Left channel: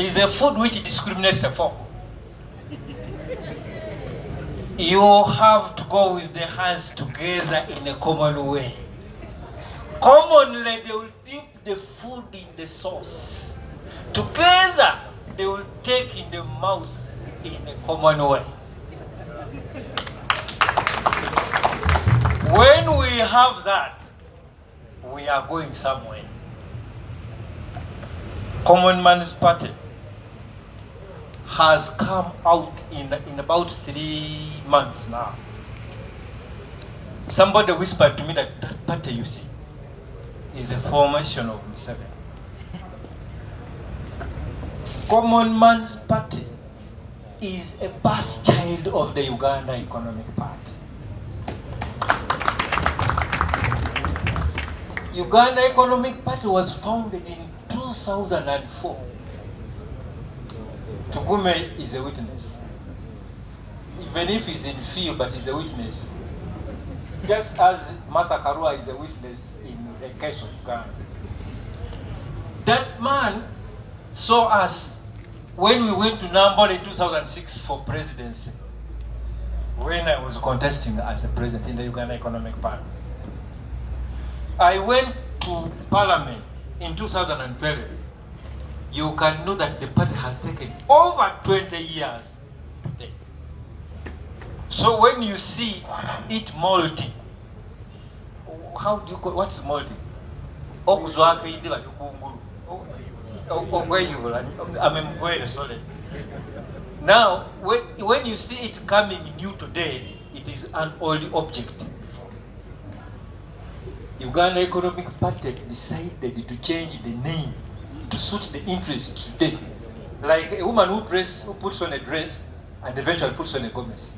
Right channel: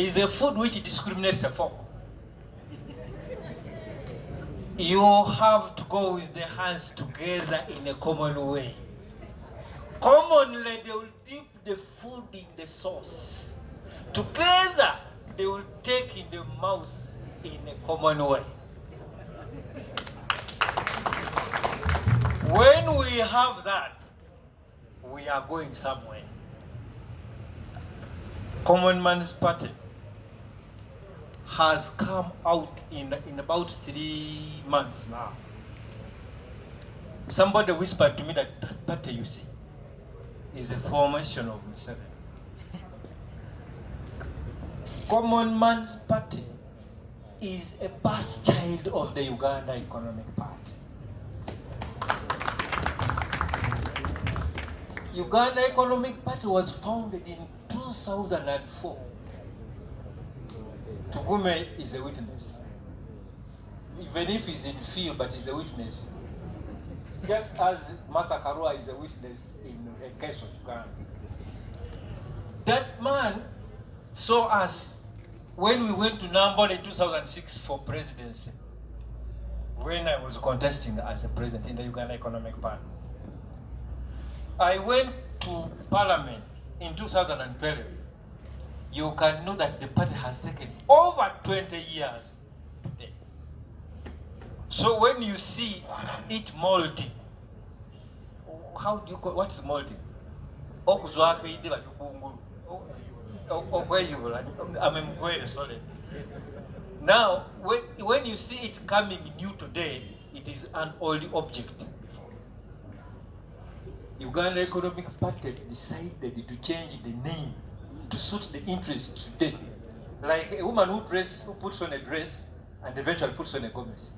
is a food which discriminates a folk. You have to go with the hands together in a common way. Commonly, they will dip the food in the sauce. Together, they will take in the mouth in a common way. When we have that, we are going somewhere. Common Man's Party has come out in about 3 months now. Somebody whispered to me that that party you see is a formation of Mzee. Common Man's Party is a birth child of the Uganda Economic Party. Uganda Economic Party was founded in 2004. Tugume is a witness. Even if he's in field, but he's a witness. Just as Martha Karua is a witness in the case of Uganda. That man saw us when we went to Nambola in 2006 for presidency, when I was contesting as a president in the Uganda Economic Party. I went to Parliament in 2012. You can know that the party has taken over 20 years today. So when you see it molting, how do you call what's molting? Now, when you see it coming new today, it is an old object before. Uganda Economic Party decided to change the name to suit the interests today. Like a woman who puts on a dress and eventually puts on a gomez.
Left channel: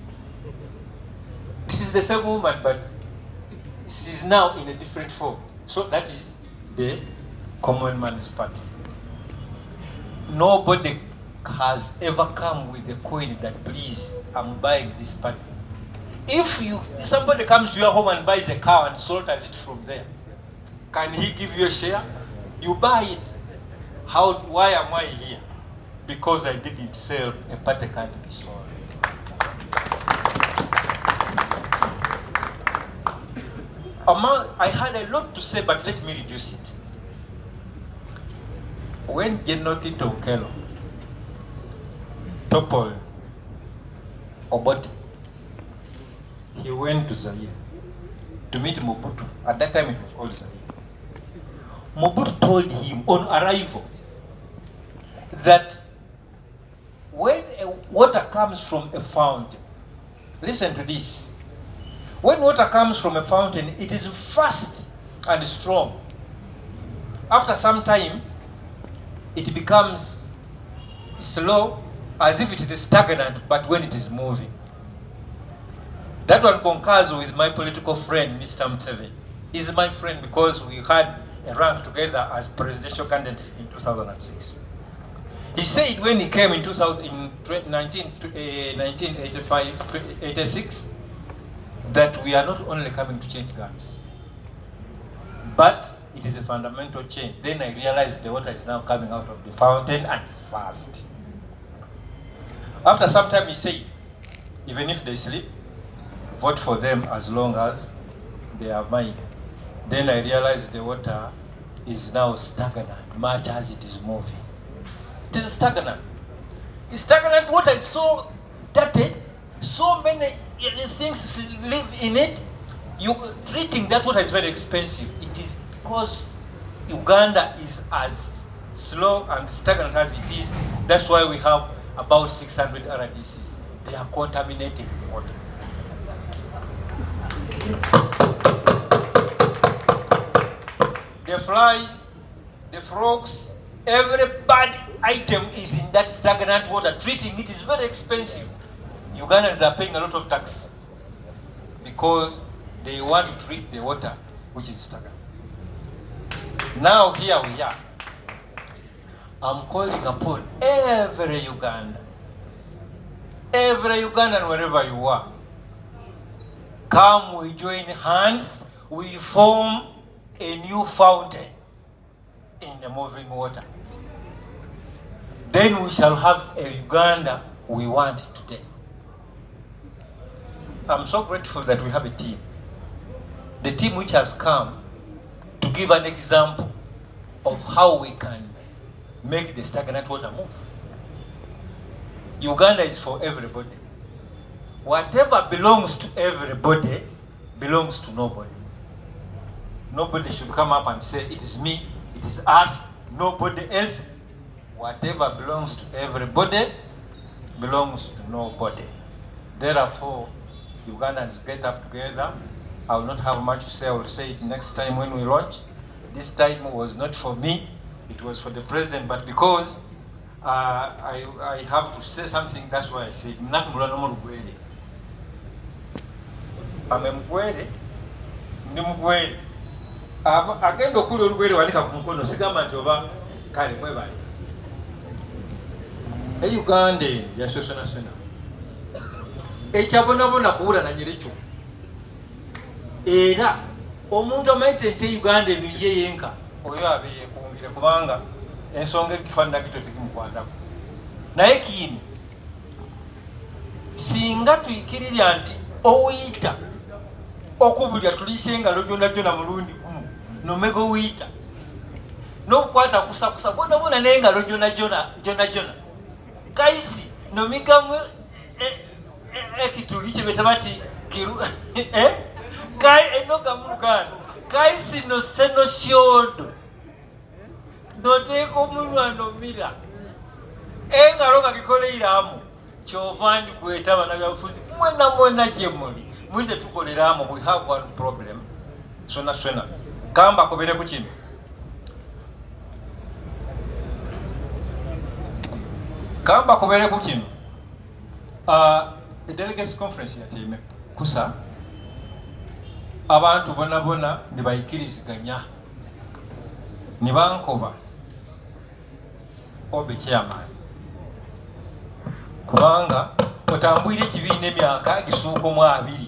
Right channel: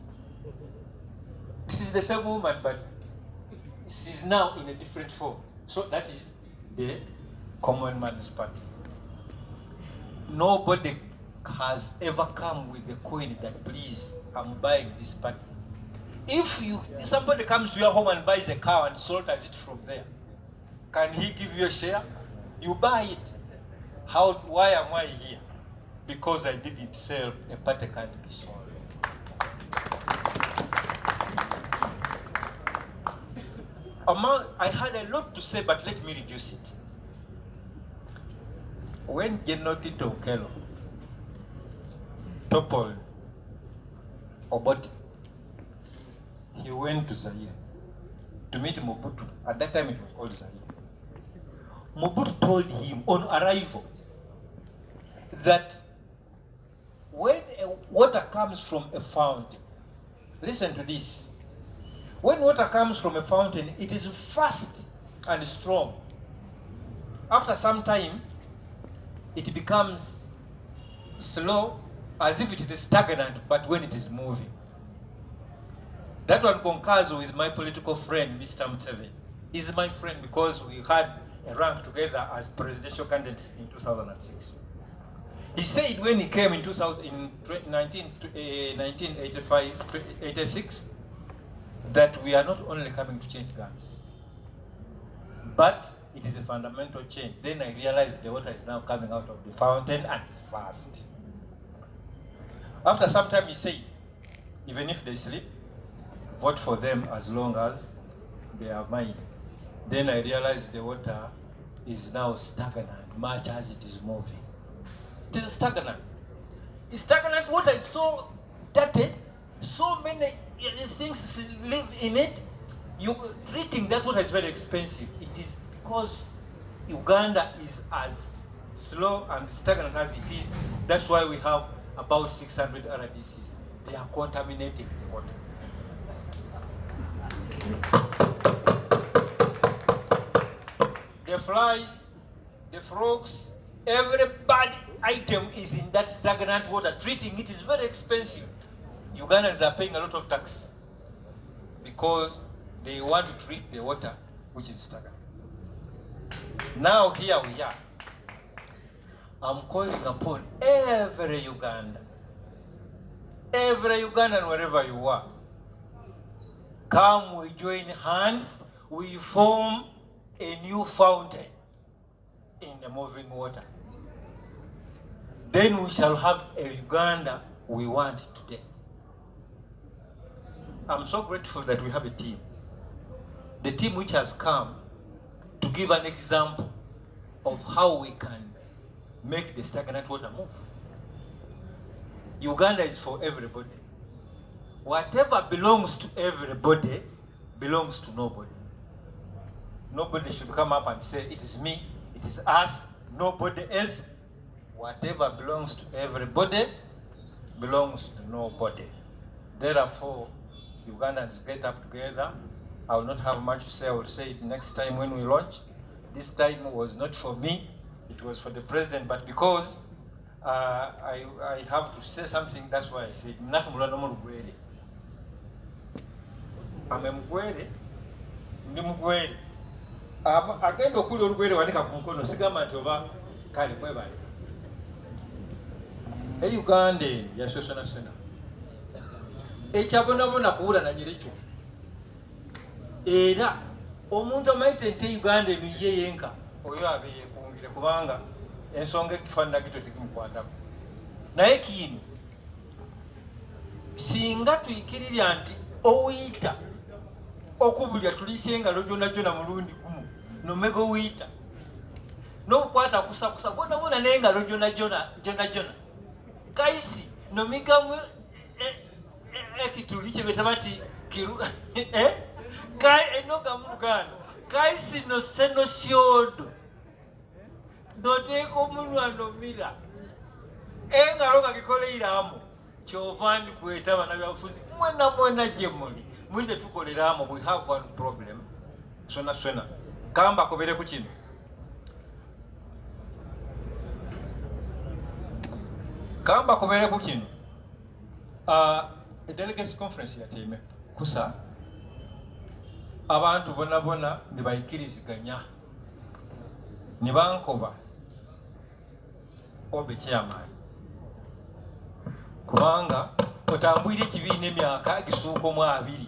This is the same woman, but she is now in a different form. So that is the Common Man's Party. Nobody has ever come with a coin that, please, I'm buying this party. If somebody comes to your home and buys a cow and slaughters it from there, can he give you a share? You buy it. Why am I here? Because I didn't sell a party can't be sold. I had a lot to say, but let me reduce it. When General Tito Okello toppled Obote, he went to Zaire to meet Mobutu. At that time it was called Zaire. Mobutu told him on arrival that when water comes from a fountain, listen to this. When water comes from a fountain, it is fast and strong. After some time, it becomes slow, as if it is stagnant, but when it is moving. That one concurs with my political friend, Mr. Mzee. He's my friend because we had a rank together as presidential candidates in 2006. He said when he came in 1986, that we are not only coming to change guns, but it is a fundamental change. Then I realized the water is now coming out of the fountain and it's fast. After some time he said, even if they sleep, vote for them as long as they are mine. Then I realized the water is now stagnant, much as it is moving. It is stagnant. The stagnant water is so dirty, so many things live in it. Treating that water is very expensive. It is because Uganda is as slow and stagnant as it is. That's why we have about 600 RDCs. They are contaminating the water. The flies, the frogs, every bad item is in that stagnant water. Treating it is very expensive. Ugandans are paying a lot of tax because they want to treat the water which is stagnant. Now here we are. I'm calling upon every Ugandan, wherever you are, come, we join hands, we form a new fountain in the moving water. then we shall have a Uganda we want today. I'm so grateful that we have a team. The team which has come to give an example of how we can make the stagnant water move. Uganda is for everybody. Whatever belongs to everybody belongs to nobody. Nobody should come up and say, it is me, it is us, nobody else. Whatever belongs to everybody belongs to nobody. Therefore, Ugandans get up together. I will not have much to say. I will say it next time when we launch. This time was not for me, it was for the president, but because I have to say something, that's why I said, I'm mugwere, ndi mugwere. Agenda okula olugwere wanika ku mukono sigamba nti oba kale mwebale. Uganda yasosonasona. Ekyabonabona kuwula na nyerekyo. Era omuntu amaite nti Uganda eno ye yenka oyo abeeye kumbire kubanga ensonga ekifaanana kito tekimukwatako. Naye kino singa tuyikirirya nti owuyita okubulya tuliise engalo gyona mulundi gumu nomega owuyita n'okukwata kusakusa bonabona n'engalo gyona kaisi nomigamu ekituli kye beta bati kiru kai enoga mulugano kaisi no seno shodo noteko mulwano mira engalo nga gikoleiramu kyovandi kweta bana byafuzi mwena jemuli muize tukoleramu. We have one problem sona kamba kobere ku kino delegates conference yateme kusa abantu bona nibayikiriziganya nibankoba obe chairman kubanga otambwire ekibiina emyaka gisuuka mu 2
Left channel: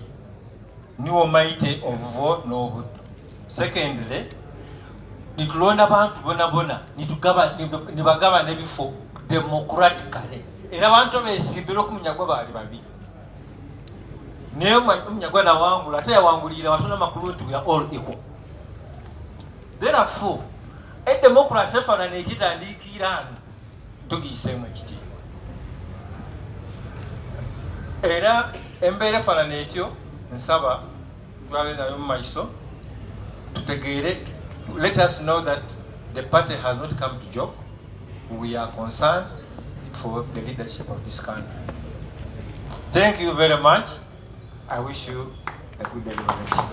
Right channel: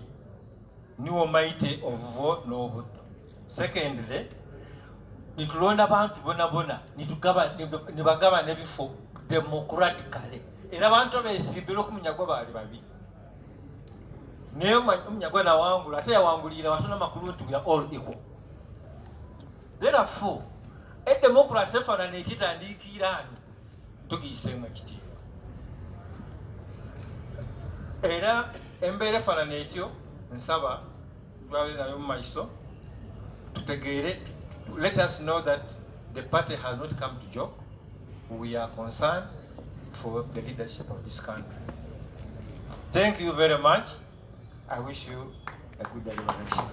niwo maite obuvo n'obuddu. Secondly, nitulonda abantu bona nibagaba n'ebifo democratically era abantu beesimbira ku Munyagwa baali babiri. Naye Munyagwa nawangula ate yawangulira watona makulu nti we are all equal. Therefore, democracy efaanana ekitandikira tugiyiseemu ekiti. Era embeera efaanana etyo nsaba twabe nayo mu maiso tutegeere. Let us know that the party has not come to joke. We are concerned for the leadership of this country. Thank you very much. I wish you a good deliberation.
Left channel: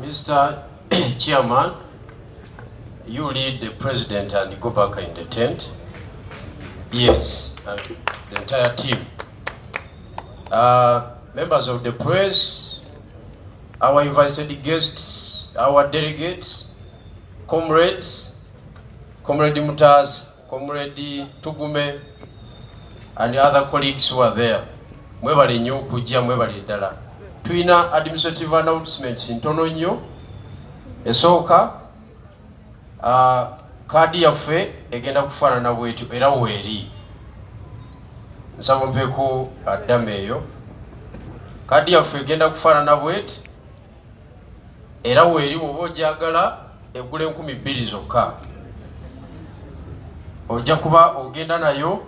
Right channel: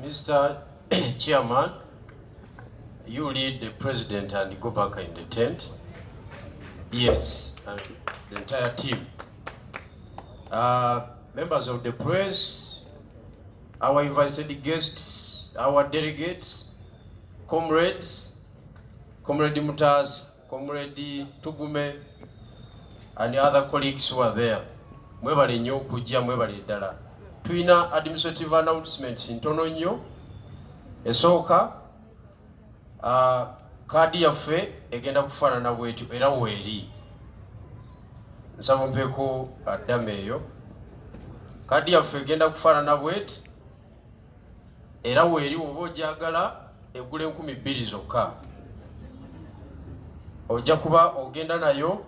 Mr. Chairman, you lead the president and go back in the tent. Yes, the entire team. Members of the press, our invited guests, our delegates, comrades, Comrade Mutas, Comrade Tugume, and the other colleagues who are there. Mwebali nyo kujia mwebali dala. Tuina administrative announcements intono nyo. Esooka kadi yaffe egenda kufaanana bwetu era weeri. Nsaba mpeko addamu eyo. Kadi yaffe egenda kufaanana bwetu era weeri oba ogyagala egula 2,000 zokka. Ojja kuba ogenda nayo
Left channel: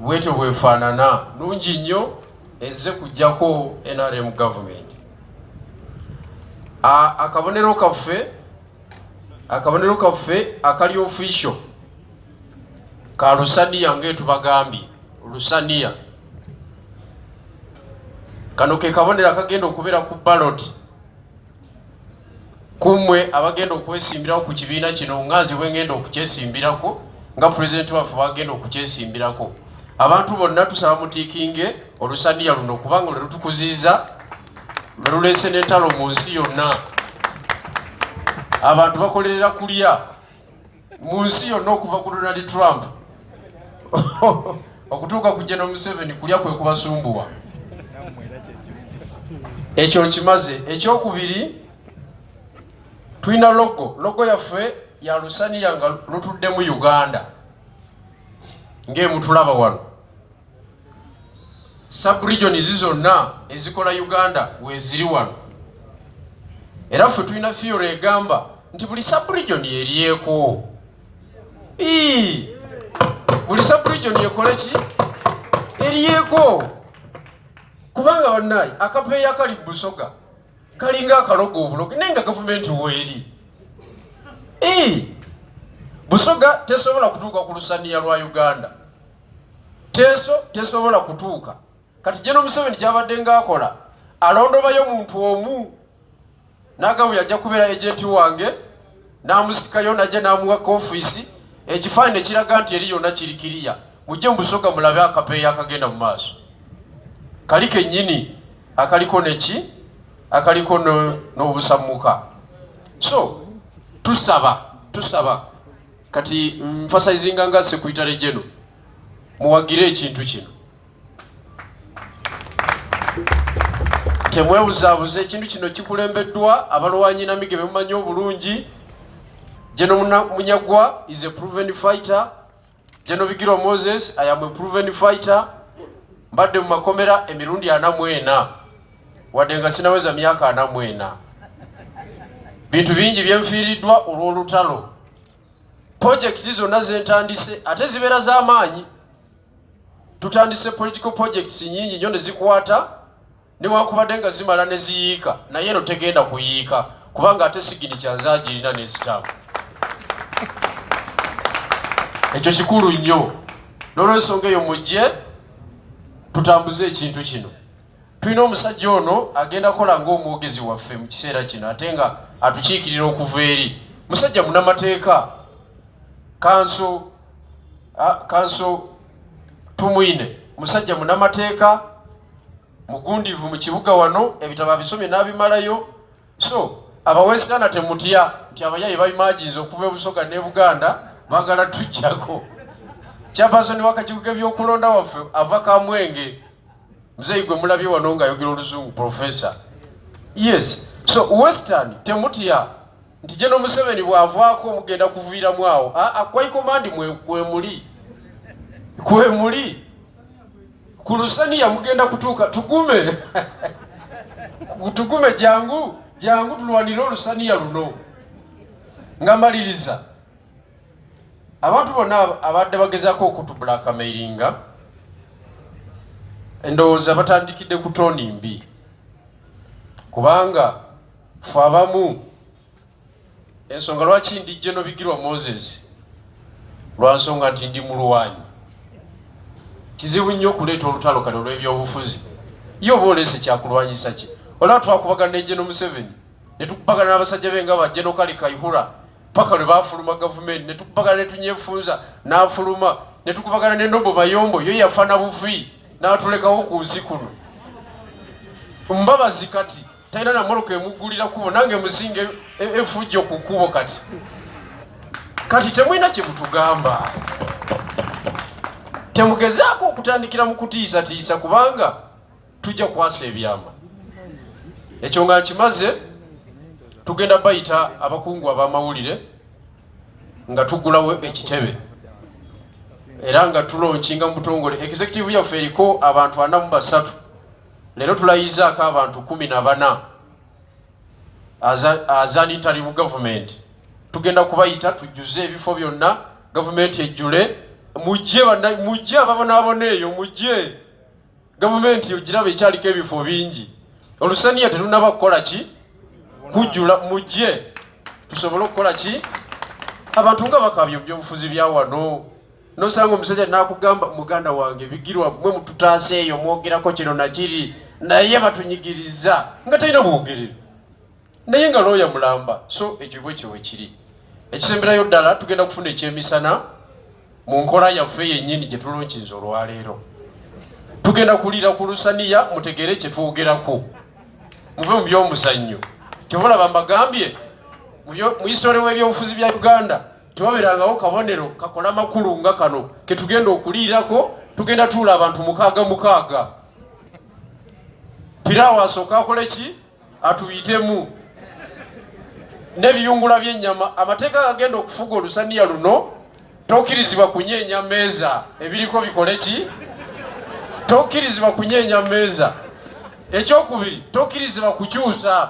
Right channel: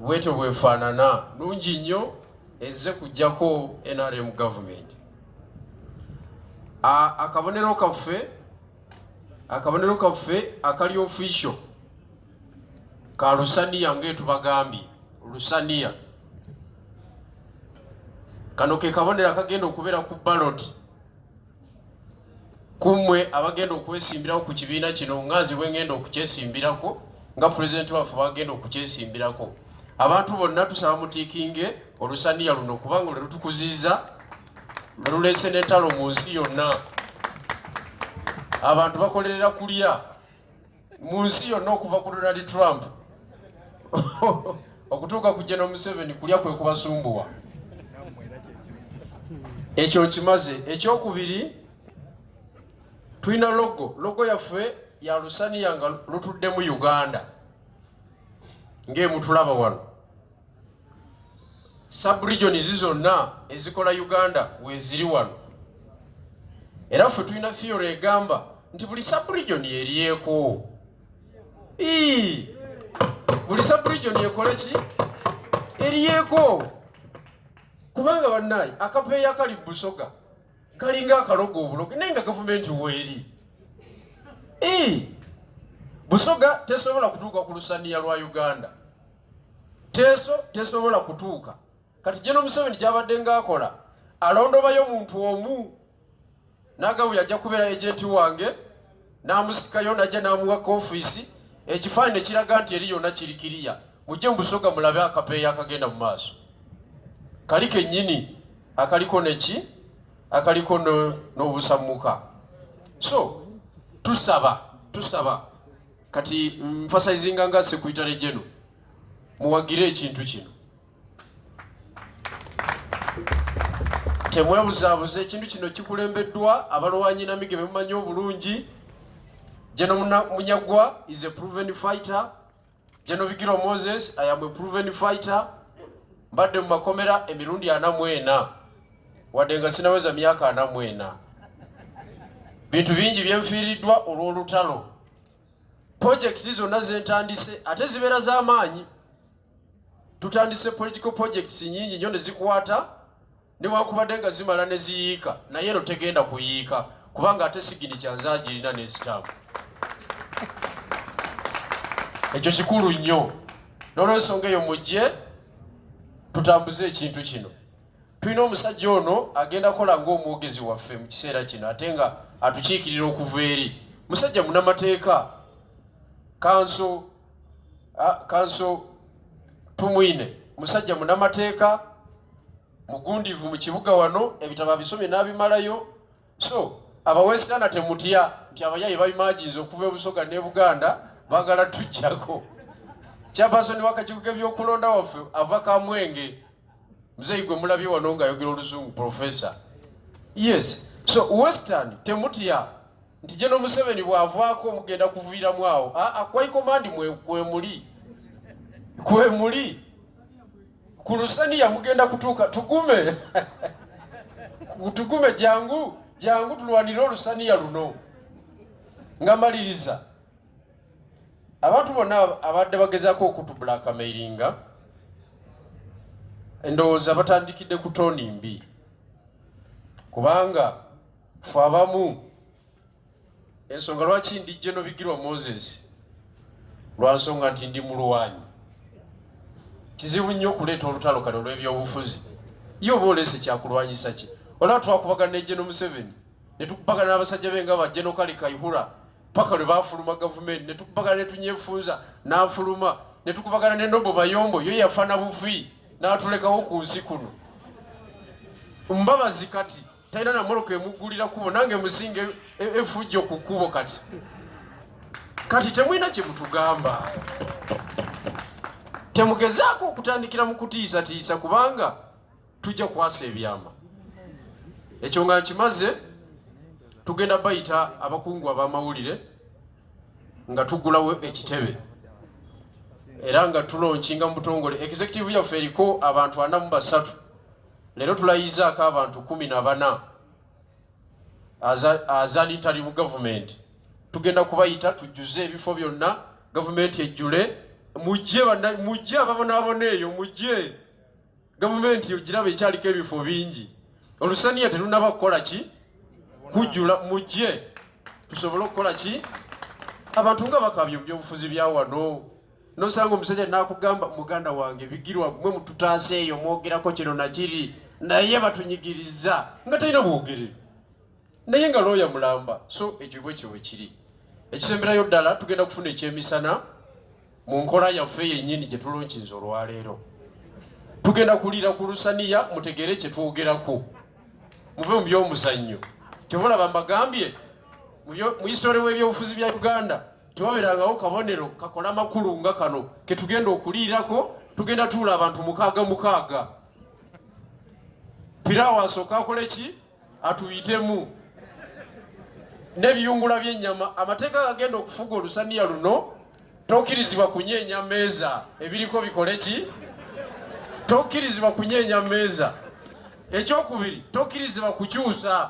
bwetyo bwefaanana nungi nnyo ezze kujjako NRM government. Akabonero kaffe akali official ka Lusaniya ng'etubagambye Lusaniya. Kano ke kabonero akagenda okubeera ku ballot kumwe abagenda okwesimbirako ku kibiina kino ngazi bwengenda okukyesimbirako nga president waffe bagenda okukyesimbirako. Abantu bonna tusaba mutiikinge Olusaniya luno kubanga lutukuziza lulese n'entalo mu nsi yonna. Abantu bakolerera kulya mu nsi yonna okuva ku Donald Trump okutuuka ku General Museveni kulya kwe kubasumbuwa. Ekyo nkimaze. Ekyokubiri, Tuina logo yaffe ya Lusaniya nga lutudde mu Uganda ng'emutulaba wano. Sub-region zonna ezikola Uganda weziri wano. Era ffe tulina theory egamba nti buli sub-region erieko. Buli sub-region ekola ki? Erieko. Kubanga bannayi akapeeya kali Busoga kalinga akalogo obuloge naye nga gavumenti weeri. Busoga tesobola kutuuka ku Lusaniya lwa Uganda. Tesobola kutuuka. Kati General Museveni kyabadde ng'akola alondobayo muntu omu n'agabu yajja kubeera agenti wange n'amusikayo najja n'amuwa ofiisi ekifaananyi ekiraga nti eri yonna kirikiriya mujje mu Busoga mulabe akapeeya akagenda mu maaso. Kali kennyini akaliko neki akaliko n'obusammuka. So tusaba kati emphasizing nga Secretary General muwagire ekintu kino. Temwebuzaabuza ekintu kino kikulembeddwa abalwanyi namige bemumanyi obulungi. General Munyagwa is a proven fighter. General Bigirwa Moses, I am a proven fighter. Mbadde mu makomera emirundi 44 wadde nga sinaweza myaka 44. Bintu bingi byenfiiriddwa olw'olutalo. Projects zonna zentandise ate zibeera z'amaanyi. Tutandise political projects nyingi nnyo ne zikwata newakubadde nga zimala ne ziyiika naye eno tegenda kuyiika kubanga ate sigini kyanzaagirina n'ezitaamu. Ekyo kikulu nnyo. N'olw'ensonga eyo mujje tutambuze ekintu kino. Tulina omusajja ono agenda kola ng'omwogezi waffe mu kiseera kino ate nga atukiikirira okuva eri. Musajja munnamateeka kanso tumwine. Musajja munnamateeka mugundivu mu kibuga wano ebitabo abisomye n'abimalayo. So abawesitana temutya nti abayayi babimaginze okuva e Busoga ne Buganda baagala tujjako. Chairperson w'akakiiko k'ebyokulonda waffe ava Kamwenge. Mzee gwe mulabye wano ng'ayogera Oluzungu professor. Yes. So Western temutya nti General Museveni bw'avaako mugenda kuviiramu awo. Kwai command kwemuli. Ku Lusaniya mugenda kutuuka tugume. Tugume jangu tulwanire Lusaniya luno. Ngamaliriza. Abantu bonna abadde bagezaako okutublackmailinga endowooza batandikidde ku tooni mbi. Kubanga ffe abamu ensonga lwaki ndi General Bigirwa Moses lwa nsonga nti ndi mulwanyi. Kizibu nnyo okuleeta olutalo kale olw'ebyobufuzi. Ye oba oleese kyakulwanyisa ki? Olaba twakubagana ne General Museveni ne tukubagana n'abasajja be nga ba General Kale Kayihura paka lwe baafuluma gavumenti ne tukubagana ne Tunyefunza n'afuluma ne tukubagana ne Nobo Mayombo yo yafa na bufi n'atulekawo ku nsi kuno. Mbabazi kati talina na moloka emuggulira kubo nange musinge efujjo ku kkubo kati temulina kye mutugamba. Temugezaako okutandikira mu kutiisatiisa kubanga tujja kwasa ebyama. Ekyo nga nkimaze tugenda bayita abakungu ab'amawulire nga tugulawo ekitebe era nga tulonkinga mu butongole. Executive yaffe eriko abantu 43. Leero tulayizaako abantu 14 as an interim government. Tugenda kubayita tujjuze ebifo byonna gavumenti ejjule. Mujje ababonaabona eyo mujje. Gavumenti ogiraba ekyaliko ebifo bingi. Olusaniya terunaba kukola ki? Kujjula mujje. Tusobole okukola ki? Abantu nga bakabye byobufuzi bya wano. Nosanga omusajja n'akugamba muganda wange Bigirwa mwe mututaase eyo mwogerako kino nakiri naye batunyigiriza nga talina bwogerero. Naye nga looya mulamba. So ekyo bwe kiri. Ekisemberayo ddala tugenda kufuna ekyemisana mu nkola yaffe yennyini gye tulonkinze olwaleero. Tugenda kuliira ku Lusaniya mutegere kye twogerako. Muve mu by'omuzannyo. Kyobulaba mbagambye mu history w'ebyobufuzi bya Uganda tewabeerangawo kabonero kakola makulu nga kano ke tugenda okuliirako. Tugenda tuula abantu 6. Piraawo asooka akole ki? Atuyitemu. n'ebiyungula by'ennyama. Amateeka agenda okufuga Olusaniya luno, tokkirizibwa kunyeenya mmeeza ebiriko bikole ki? Tokkirizibwa kunyeenya mmeeza. Ekyokubiri, tokkirizibwa kukyusa.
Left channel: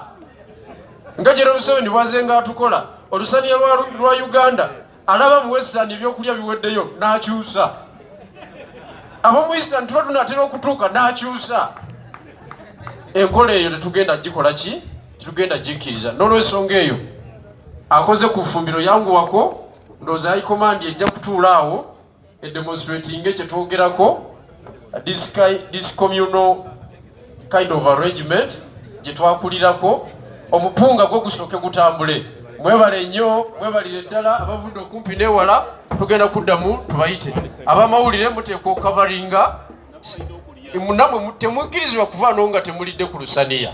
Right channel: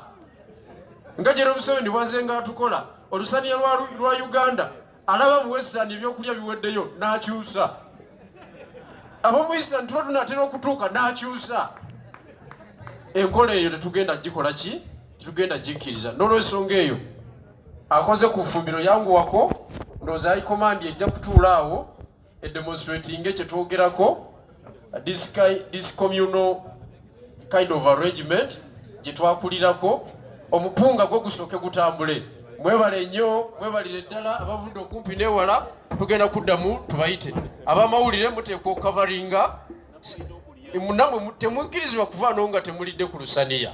Nga General Museveni bwazenga atukola, Olusaniya lwa Uganda alaba mu Western ebyokulya biweddeyo n'akyusa. Ab'omu Eastern tuba tunatera okutuuka n'akyusa. Enkola eyo tetugenda gikola ki? Tetugenda gikkiriza. N'olw'ensonga eyo akoze ku ffumbiro yanguwako, ndowooza high command ejja kutuula awo edemonstrating kye twogerako, this communal kind of arrangement gye twakulirako, omupunga gwo gusooke gutambule. Mwebale nnyo, mwebalire ddala abavudde okumpi n'ewala, tugenda kuddamu tubayite. Abamawulire muteekwa okukavaringa, namwe temukkirizibwa kuvaano nga temulidde ku Lusaniya.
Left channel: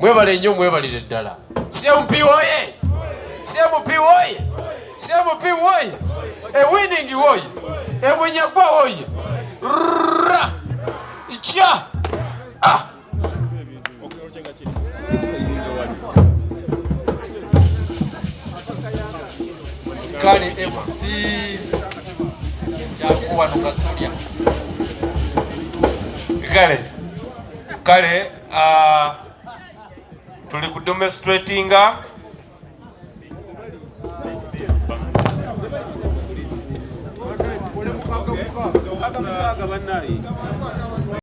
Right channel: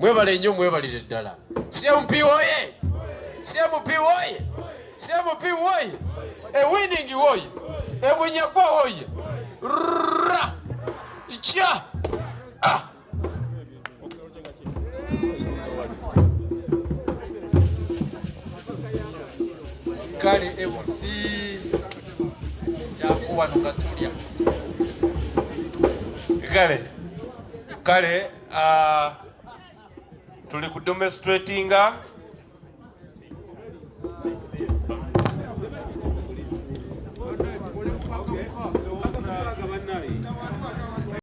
Mwebale nnyo, mwebalire ddala. CMP woye! CMP woye! CMP woye! Winning woye! Munyagwa woye! Ikya! Kale MC jakuwa nukatulia. Kale tuli ku demonstratinga